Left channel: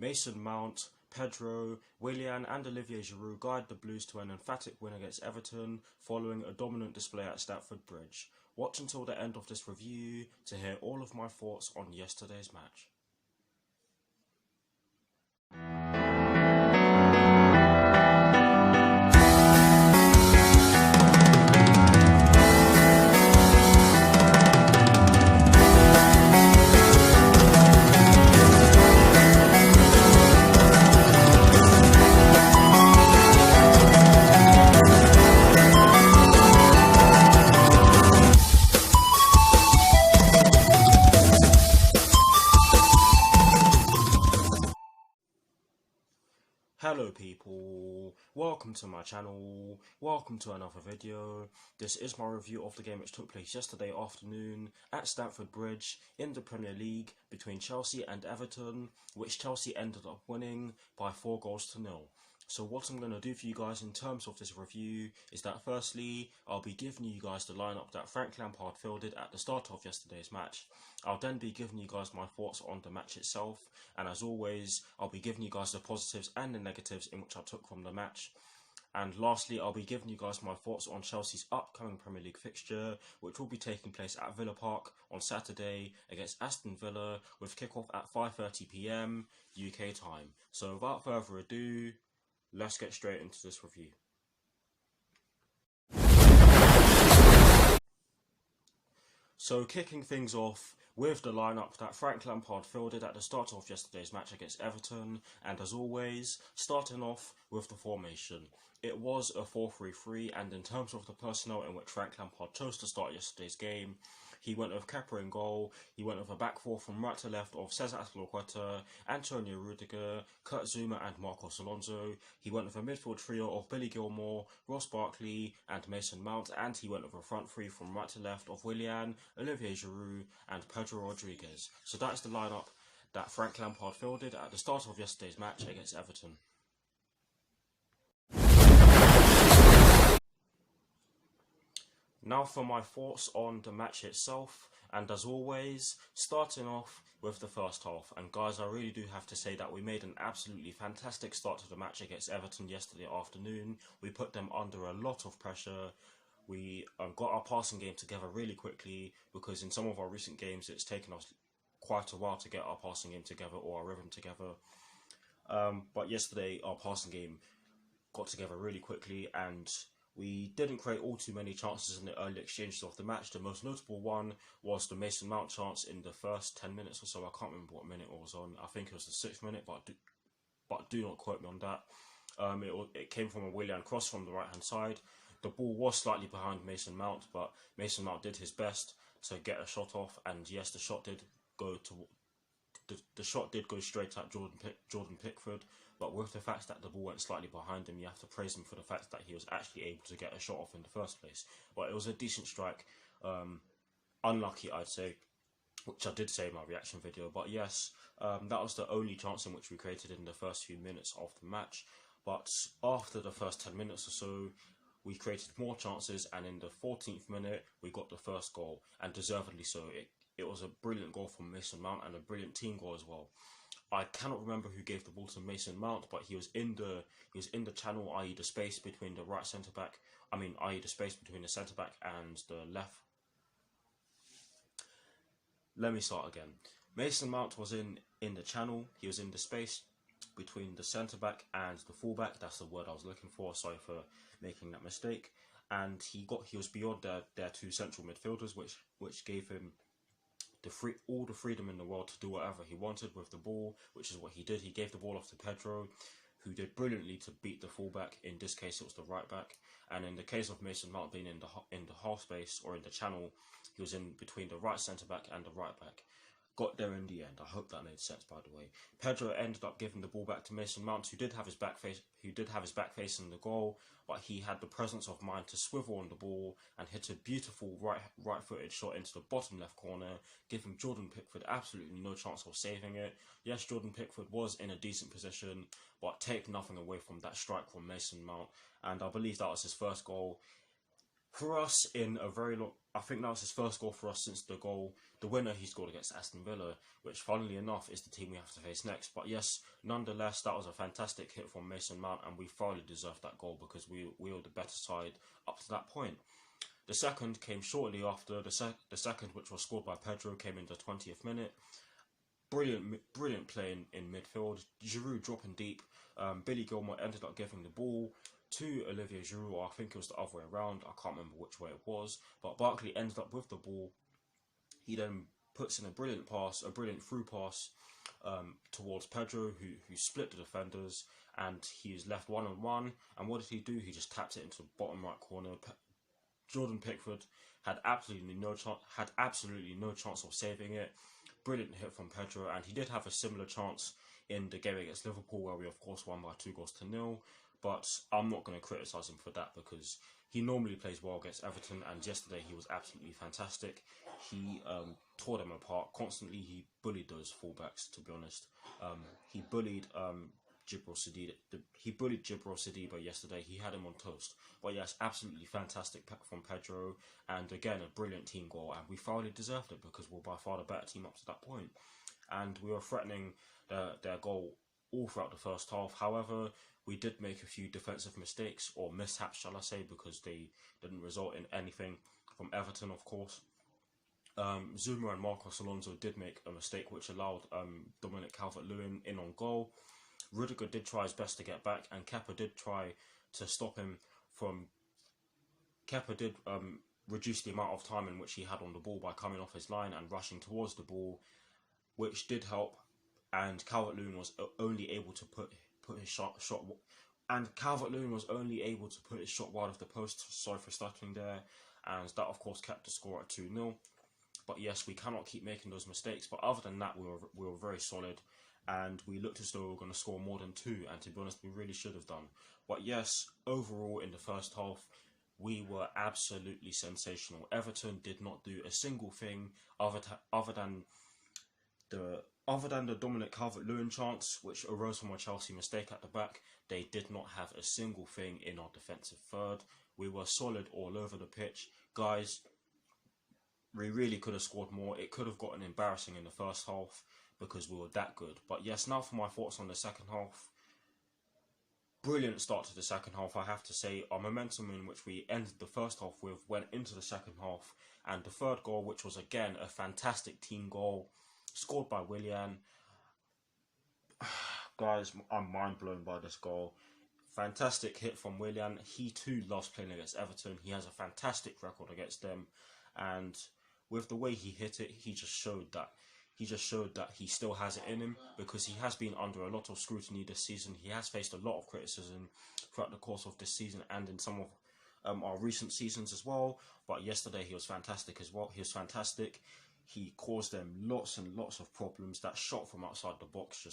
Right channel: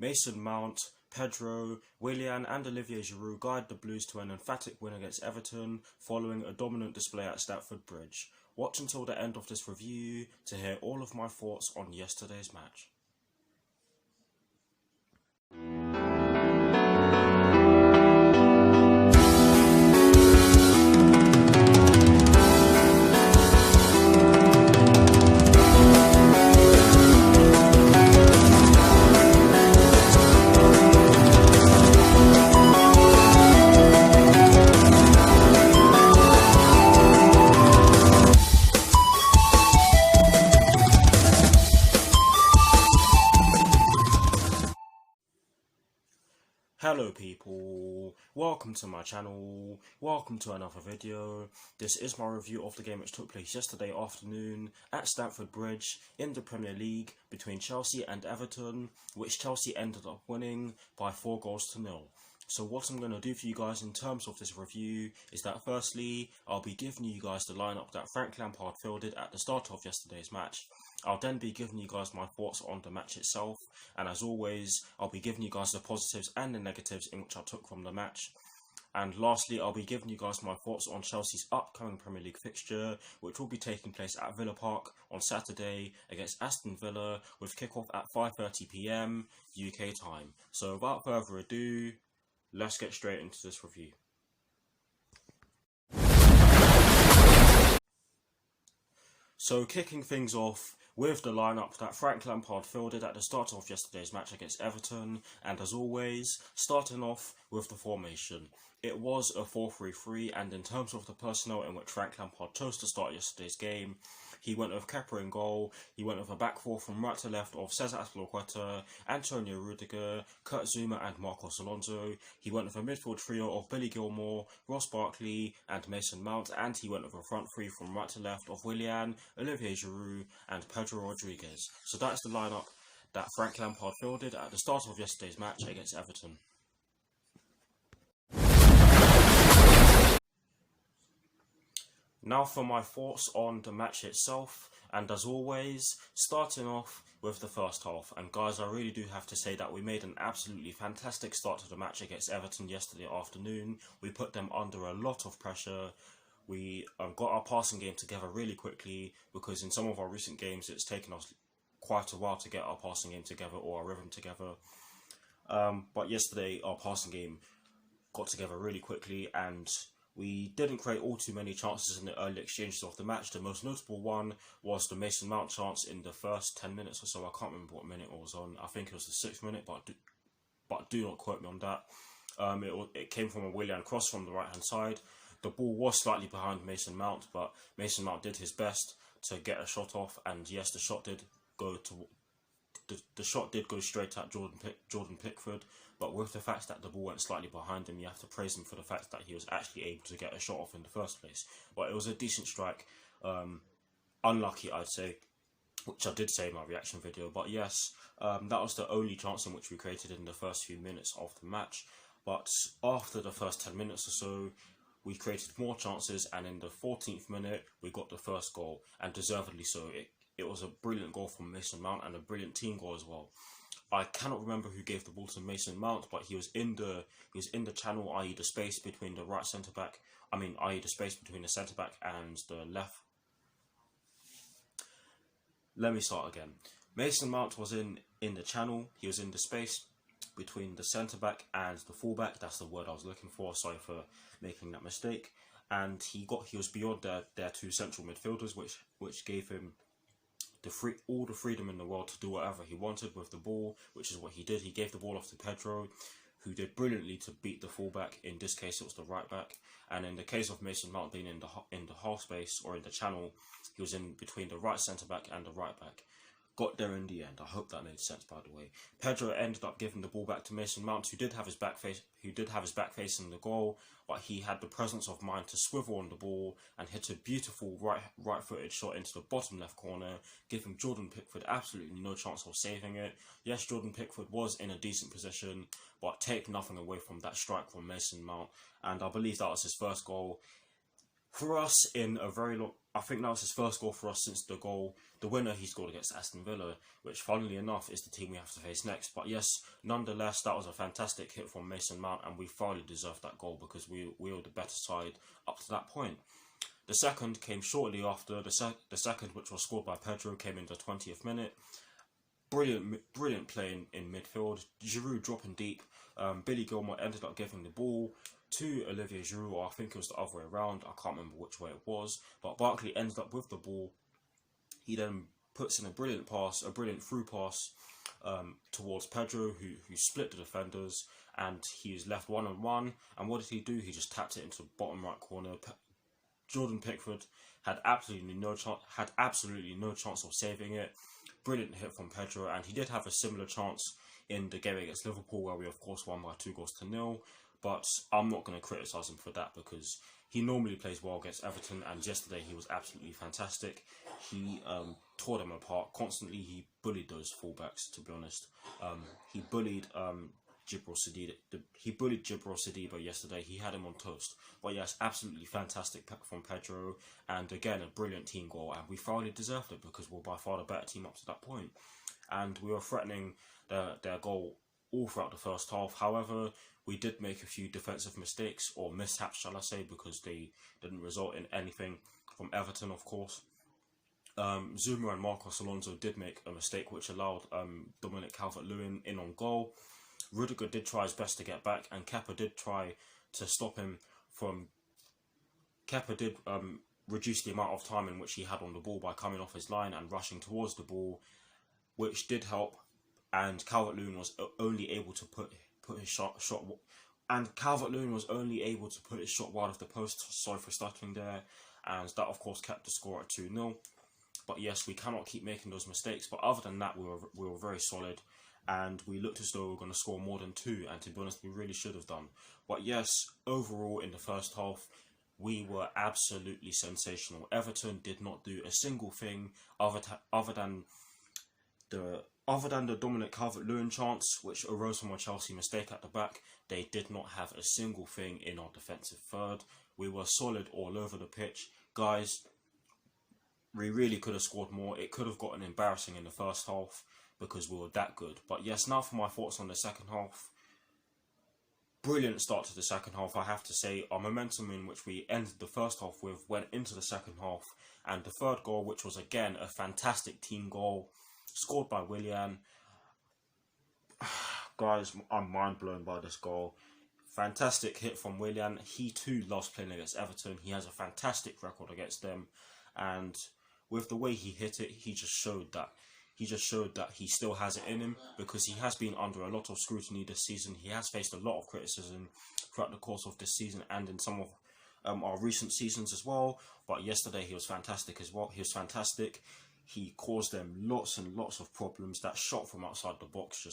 Mason Mount, Pedro, Willian and Olivier Giroud guide the Blues to an emphatic win against Everton following a dominant display at Stamford Bridge. Watch until the end of this review to hear all of my thoughts on yesterday's match. Hello people, welcome to my channel, welcome to another video. This is my review of the game which took place yesterday afternoon at Stamford Bridge in the Premier League between Chelsea and Everton, which Chelsea ended up winning by 4-0. So what I'm going to do for you guys in terms of this review is that firstly, I'll be giving you guys the lineup that Frank Lampard fielded at the start of yesterday's match. I'll then be giving you guys my thoughts on the match itself, and as always, I'll be giving you guys the positives and the negatives in which I took from the match. And lastly, I'll be giving you guys my thoughts on Chelsea's upcoming Premier League fixture, which will be taking place at Villa Park on Saturday against Aston Villa, with kickoff at 5:30 PM UK time. So without further ado, let's get straight into this review. So kicking things off with the lineup that Frank Lampard fielded at the start of yesterday's match against Everton, and as always, starting off with the formation. It was a 4-3-3, and in terms of the personnel in which Frank Lampard chose to start yesterday's game, he went with Kepa in goal, he went with a back four from right to left of Cesar Azpilicueta, Antonio Rudiger, Kurt Zouma and Marcos Alonso. He went with a midfield trio of Billy Gilmour, Ross Barkley and Mason Mount, and he went with a front three from right to left of Willian, Olivier Giroud and Pedro Rodriguez. So that's the lineup that Frank Lampard fielded at the start of yesterday's match against Everton. Now for my thoughts on the match itself, and as always, starting off with the first half. And guys, I really do have to say that we made an absolutely fantastic start to the match against Everton yesterday afternoon. We put them under a lot of pressure. We got our passing game together really quickly, because in some of our recent games it's taken us quite a while to get our passing game together or our rhythm together. But yesterday our passing game got together really quickly, and we didn't create all too many chances in the early exchanges of the match. The most notable one was the Mason Mount chance in the first 10 minutes or so. I can't remember what minute it was on. I think it was the 6th minute, but do not quote me on that. It came from a Willian cross from the right hand side. The ball was slightly behind Mason Mount, but Mason Mount did his best to get a shot off, and yes, the shot did go straight at Jordan Pickford. But with the fact that the ball went slightly behind him, you have to praise him for the fact that he was actually able to get a shot off in the first place. But it was a decent strike. Unlucky, I'd say, which I did say in my reaction video. But yes, that was the only chance in which we created in the first few minutes of the match. But after the first 10 minutes or so, we created more chances, and in the 14th minute, we got the first goal, and deservedly so. It was a brilliant goal from Mason Mount, and a brilliant team goal as well. I cannot remember who gave the ball to Mason Mount, but he was in the channel, i.e. the space between the right centre back. I.e. the space between the centre back and the left. Let me start again. Mason Mount was in the channel. He was in the space between the centre back and the full back. That's the word I was looking for. Sorry for making that mistake. And he was beyond their two central midfielders, which gave him all the freedom in the world to do whatever he wanted with the ball, which is what he did. He gave the ball off to Pedro, who did brilliantly to beat the fullback. In this case, it was the right back. And in the case of Mason Mount being in the half space or in the channel, he was in between the right centre back and the right back. Got there in the end. I hope that made sense, by the way. Pedro ended up giving the ball back to Mason Mount, who did have his back facing the goal, but he had the presence of mind to swivel on the ball and hit a beautiful right-footed shot into the bottom left corner, giving Jordan Pickford absolutely no chance of saving it. Yes, Jordan Pickford was in a decent position, but take nothing away from that strike from Mason Mount, and I believe that was his first goal for us in a very long. I think that was his first goal for us since the winner he scored against Aston Villa, which funnily enough is the team we have to face next. But yes, nonetheless, that was a fantastic hit from Mason Mount, and we thoroughly deserved that goal because we were the better side up to that point. The second came shortly after. The second, which was scored by Pedro, came in the 20th minute. Brilliant play in midfield. Giroud dropping deep. Billy Gilmour ended up giving the ball to Olivier Giroud, or I think it was the other way around. I can't remember which way it was. But Barkley ended up with the ball. He then puts in a brilliant through pass towards Pedro, who split the defenders, and he is left one-on-one. And what did he do? He just tapped it into the bottom right corner. Jordan Pickford had absolutely no chance of saving it. Brilliant hit from Pedro, and he did have a similar chance in the game against Liverpool, where we of course won by 2-0. But I'm not going to criticise him for that because he normally plays well against Everton, and yesterday he was absolutely fantastic. He tore them apart constantly. He bullied those fullbacks, to be honest. He bullied Jibril Sadiba yesterday. He had him on toast. But yes, absolutely fantastic from Pedro, and again a brilliant team goal, and we thoroughly deserved it because we're by far the better team up to that point, and we were threatening their goal all throughout the first half. However, we did make a few defensive mistakes, or mishaps shall I say, because they didn't result in anything from Everton, of course. Zuma and Marcos Alonso did make a mistake which allowed Dominic Calvert-Lewin in on goal. Rudiger did try his best to get back, and Kepa did try to stop him from... Kepa did reduce the amount of time in which he had on the ball by coming off his line and rushing towards the ball, which did help, and Calvert-Lewin was only able to put his shot and Calvert-Lewin was only able to put his shot wide of the post. Sorry for stuttering there, and that of course kept the score at 2-0. But yes, we cannot keep making those mistakes. But other than that, we were very solid, and we looked as though we were going to score more than 2, and to be honest, we really should have done. But yes, overall in the first half, we were absolutely sensational. Everton did not do a single thing other than the Dominic Calvert-Lewin chance, which arose from a Chelsea mistake at the back. They did not have a single thing in our defensive third. We were solid all over the pitch. Guys, we really could have scored more. It could have gotten embarrassing in the first half because we were that good. But yes, now for my thoughts on the second half. Brilliant start to the second half, I have to say. Our momentum in which we ended the first half with went into the second half. And the third goal, which was again a fantastic team goal, scored by Willian. Guys, I'm mind blown by this goal. Fantastic hit from Willian. He too loves playing against Everton. He has a fantastic record against them, and with the way he hit it, he just showed that he still has it in him, because he has been under a lot of scrutiny this season. He has faced a lot of criticism throughout the course of this season and in some of our recent seasons as well. But yesterday he was fantastic as well. He was fantastic. He caused them lots and lots of problems. That shot from outside the box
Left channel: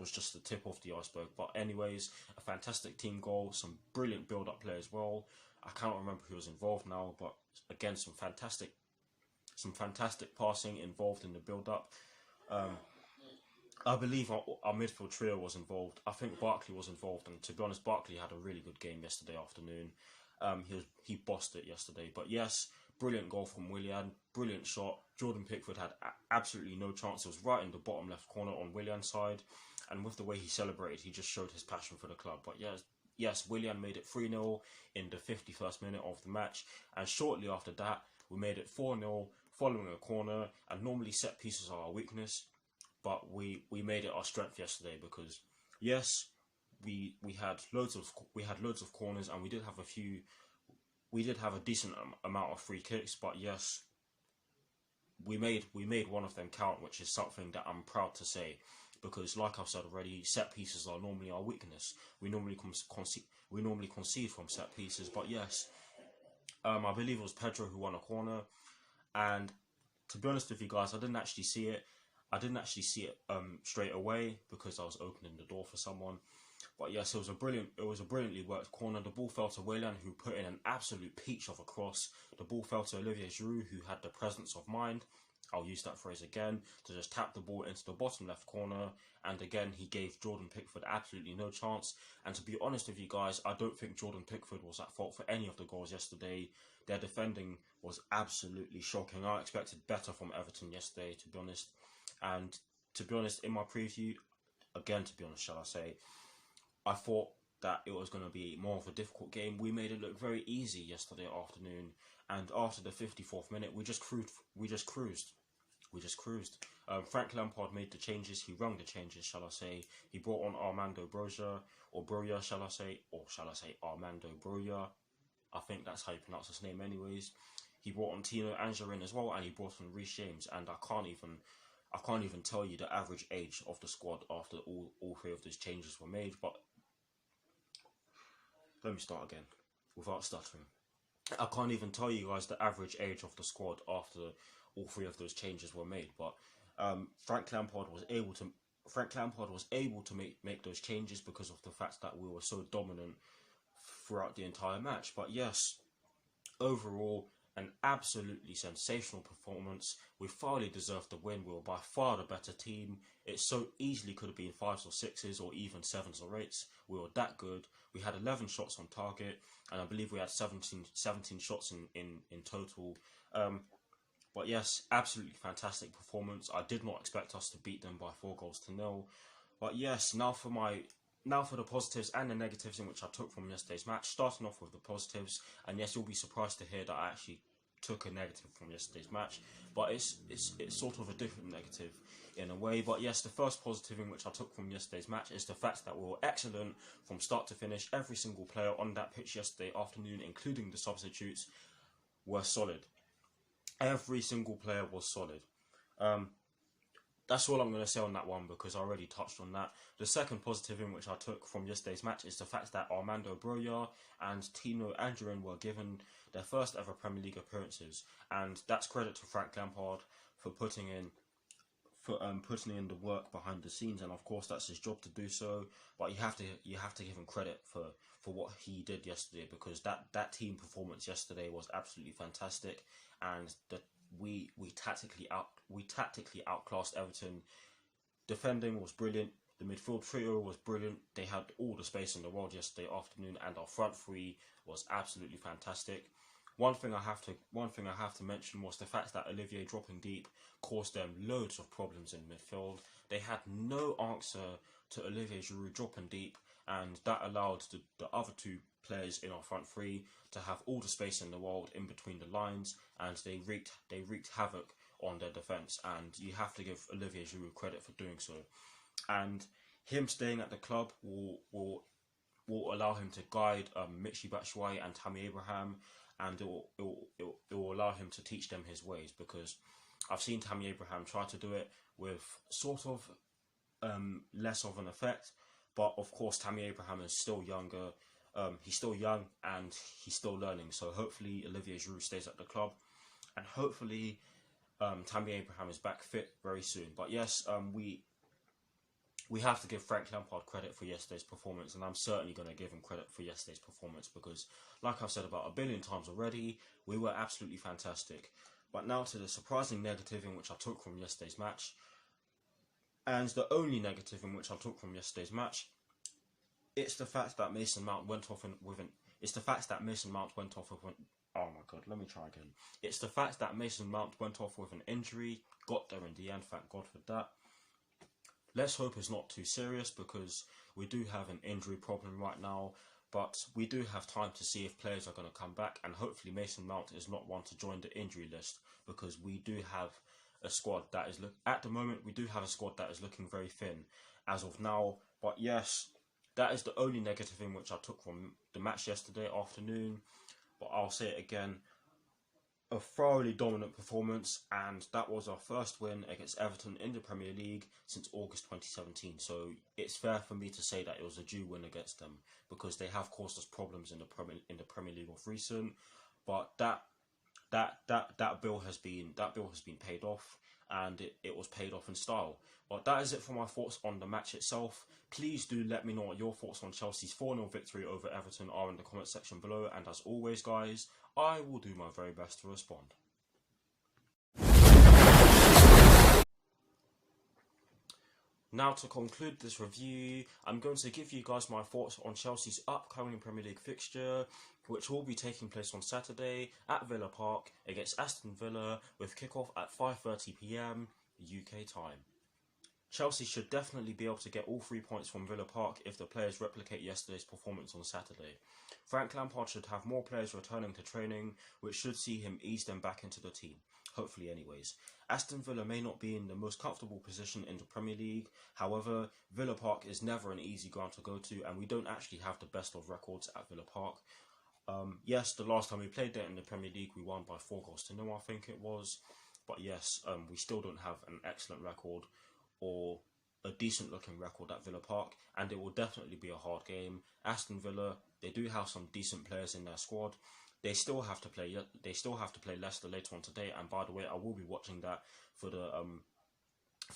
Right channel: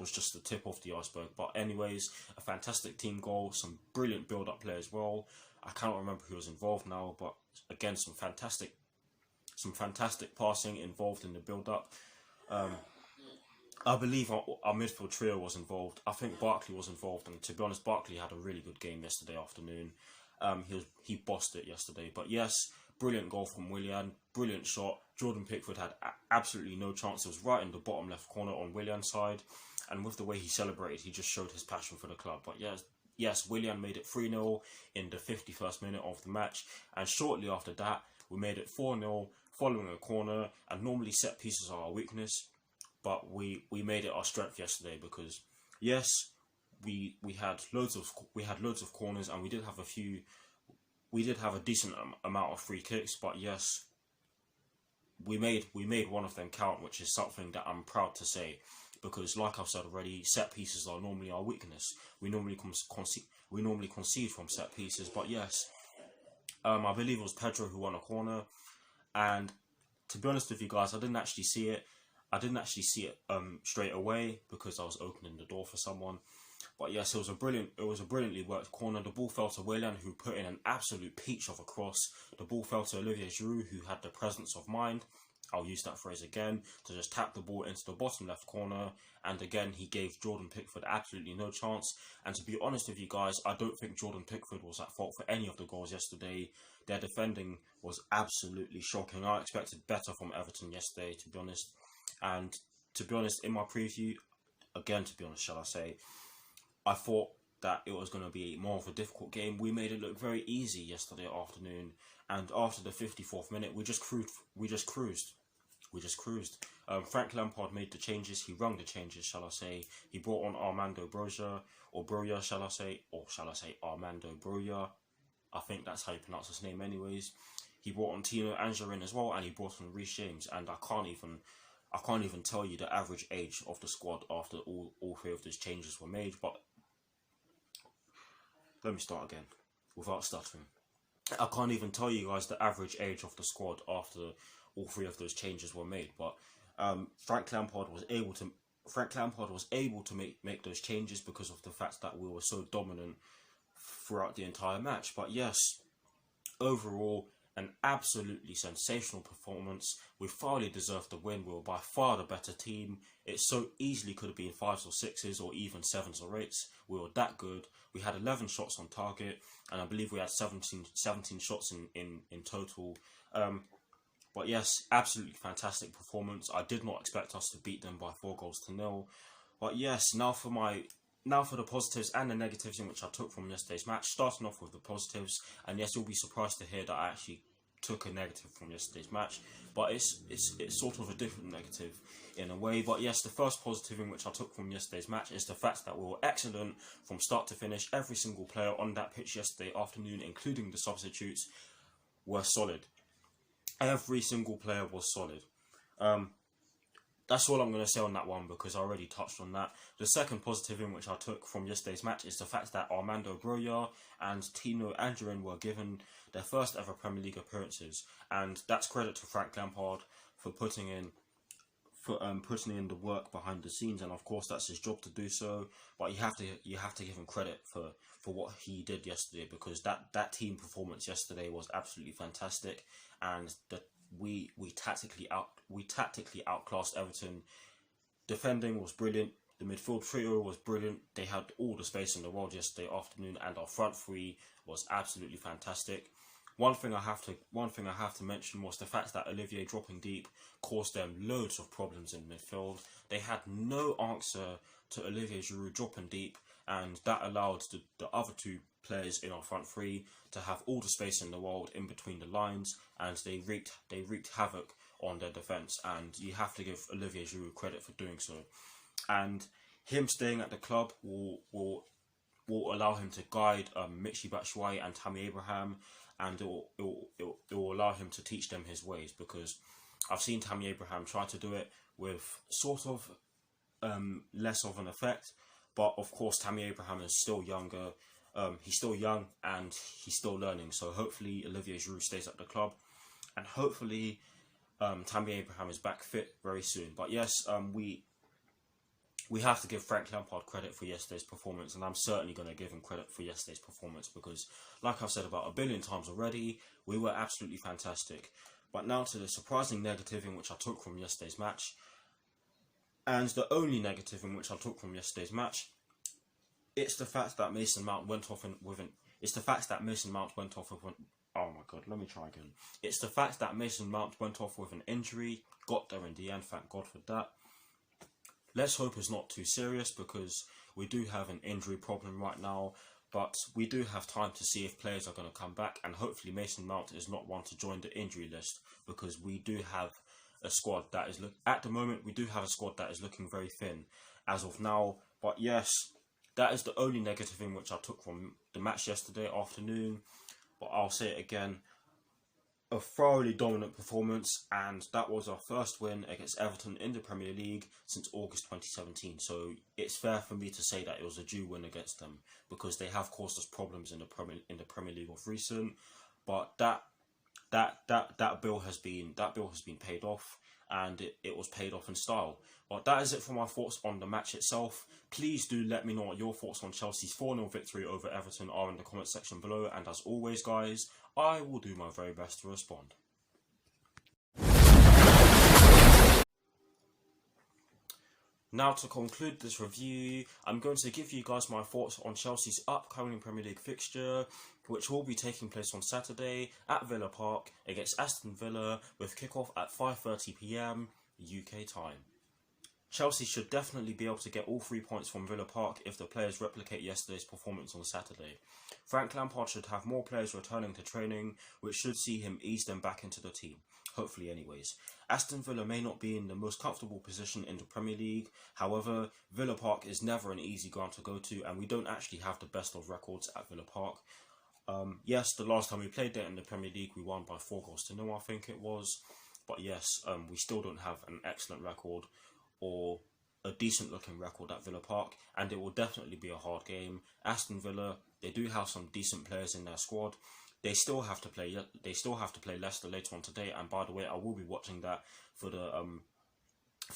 was just the tip of the iceberg. But anyways, a fantastic team goal, some brilliant build-up play as well. I cannot remember who was involved now, but again, some fantastic passing involved in the build-up. I believe our midfield trio was involved. I think Barkley was involved, and to be honest, Barkley had a really good game yesterday afternoon. He bossed it yesterday. But yes, brilliant goal from Willian, brilliant shot. Jordan Pickford had absolutely no chance. It was right in the bottom left corner on Willian's side, and with the way he celebrated, he just showed his passion for the club. But yes, Willian made it 3-0 in the 51st minute of the match, and shortly after that, we made it 4-0 following a corner. And normally set pieces are our weakness, but we made it our strength yesterday, because yes, we had loads of corners, and we did have a decent amount of free kicks. But yes, we made one of them count, which is something that I'm proud to say, because like I've said already, set pieces are normally our weakness. We normally concede from set pieces. But yes, I believe it was Pedro who won a corner, and to be honest with you guys, I didn't actually see it straight away because I was opening the door for someone. But yes, it was a brilliantly worked corner. The ball fell to Willian, who put in an absolute peach of a cross. The ball fell to Olivier Giroud, who had the presence of mind, I'll use that phrase again, to just tap the ball into the bottom left corner. And again, he gave Jordan Pickford absolutely no chance. And to be honest with you guys, I don't think Jordan Pickford was at fault for any of the goals yesterday. Their defending was absolutely shocking. I expected better from Everton yesterday, to be honest. And to be honest, in my preview, again, to be honest, shall I say, I thought that it was going to be more of a difficult game. We made it look very easy yesterday afternoon, and after the 54th minute, we just cruised. Frank Lampard made the changes. He rung the changes, shall I say. He brought on Armando Broja, shall I say Armando Broja. I think that's how you pronounce his name, anyways. He brought on Tino Angerin as well, and he brought on Reece James. And I can't even tell you the average age of the squad after all three of those changes were made. But let me start again without stuttering. I can't even tell you guys the average age of the squad after all three of those changes were made. But Frank Lampard was able to make those changes because of the fact that we were so dominant throughout the entire match. But yes, overall, an absolutely sensational performance. We thoroughly deserved the win. We were by far the better team. It so easily could have been 5s or 6s or even 7s or 8s. We were that good. We had 11 shots on target, and I believe we had 17 shots in total. But yes, absolutely fantastic performance. I did not expect us to beat them by 4-0. But yes, now for the positives and the negatives in which I took from yesterday's match. Starting off with the positives, and yes, you'll be surprised to hear that I actually took a negative from yesterday's match, but it's sort of a different negative in a way. But yes, the first positive in which I took from yesterday's match is the fact that we were excellent from start to finish. Every single player on that pitch yesterday afternoon, including the substitutes, were solid. Every single player was solid. That's all I'm going to say on that one because I already touched on that. The second positive in which I took from yesterday's match is the fact that Armando Broja and Tino Angerin were given their first ever Premier League appearances, and that's credit to Frank Lampard for putting in the work behind the scenes, and of course that's his job to do so. But you have to give him credit for what he did yesterday, because that team performance yesterday was absolutely fantastic, and we tactically outclassed Everton. Defending was brilliant. The midfield trio was brilliant. They had all the space in the world yesterday afternoon, and our front three was absolutely fantastic. One thing I have to mention was the fact that Olivier dropping deep caused them loads of problems in midfield. They had no answer to Olivier Giroud dropping deep, and that allowed the other two players in our front three to have all the space in the world in between the lines, and they wreaked havoc on their defence, and you have to give Olivier Giroud credit for doing so. And him staying at the club will allow him to guide Michy Batshuayi and Tammy Abraham, and it will allow him to teach them his ways, because I've seen Tammy Abraham try to do it with sort of less of an effect. But of course, Tammy Abraham is still younger. He's still young and he's still learning. So hopefully Olivier Giroud stays at the club, and hopefully Tammy Abraham is back fit very soon. But yes, we have to give Frank Lampard credit for yesterday's performance, and I'm certainly going to give him credit for yesterday's performance because, like I've said about a billion times already, we were absolutely fantastic. But now to the surprising negative in which I took from yesterday's match, and the only negative in which I took from yesterday's match, it's the fact that Mason Mount went off with an. It's the fact that Mason Mount went off with an. Oh my god, let me try again. It's the fact that Mason Mount went off with an injury, got there in the end, thank God for that. Let's hope it's not too serious, because we do have an injury problem right now, but we do have time to see if players are going to come back, and hopefully Mason Mount is not one to join the injury list, because we do have a squad that is at the moment we do have a squad that is looking very thin as of now. But yes, that is the only negative in which I took from the match yesterday afternoon. But I'll say it again, a thoroughly dominant performance, and that was our first win against Everton in the Premier League since August 2017. So it's fair for me to say that it was a due win against them, because they have caused us problems in the Premier League of recent. But that bill has been paid off, and it was paid off in style. But that is it for my thoughts on the match itself. Please do let me know what your thoughts on Chelsea's 4-0 victory over Everton are in the comment section below, and as always guys, I will do my very best to respond. Now, to conclude this review, I'm going to give you guys my thoughts on Chelsea's upcoming Premier League fixture, which will be taking place on Saturday at Villa Park against Aston Villa, with kickoff at 5:30 p.m. UK time. Chelsea should definitely be able to get all 3 points from Villa Park if the players replicate yesterday's performance on Saturday. Frank Lampard should have more players returning to training, which should see him ease them back into the team. Hopefully anyways. Aston Villa may not be in the most comfortable position in the Premier League. However, Villa Park is never an easy ground to go to, and we don't actually have the best of records at Villa Park. Yes, the last time we played there in the Premier League, we won by 4-0, I think it was. But yes, we still don't have an excellent record or a decent looking record at Villa Park, and it will definitely be a hard game. Aston Villa, they do have some decent players in their squad. They still have to play Leicester later on today, and by the way, I will be watching that for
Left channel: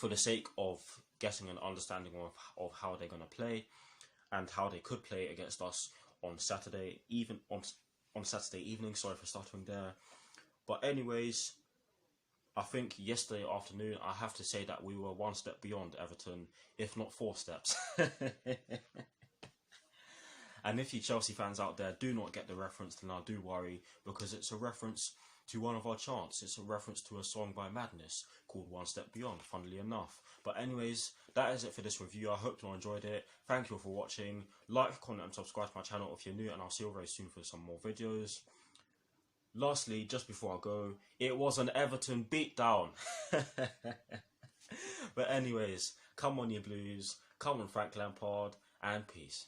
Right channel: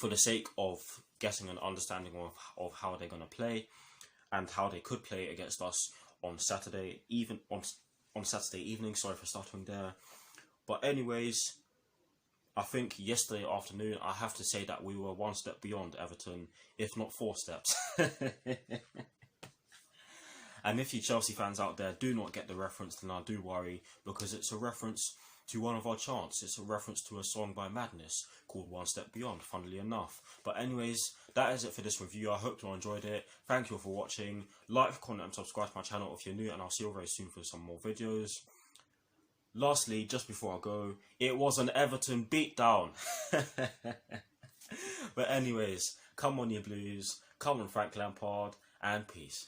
the sake of getting an understanding of how they're going to play and how they could play against us on Saturday, even on Saturday evening. Sorry for stuttering there. But anyways, I think yesterday afternoon, I have to say that we were one step beyond Everton, if not 4 steps. And if you Chelsea fans out there do not get the reference, then I do worry, because it's a reference to one of our chants. It's a reference to a song by Madness called One Step Beyond, funnily enough. But anyways, that is it for this review. I hope you enjoyed it. Thank you all for watching. Like, comment and subscribe to my channel if you're new, and I'll see you very soon for some more videos. Lastly, just before I go, it was an Everton beatdown. But anyways, come on you Blues, come on Frank Lampard, and peace.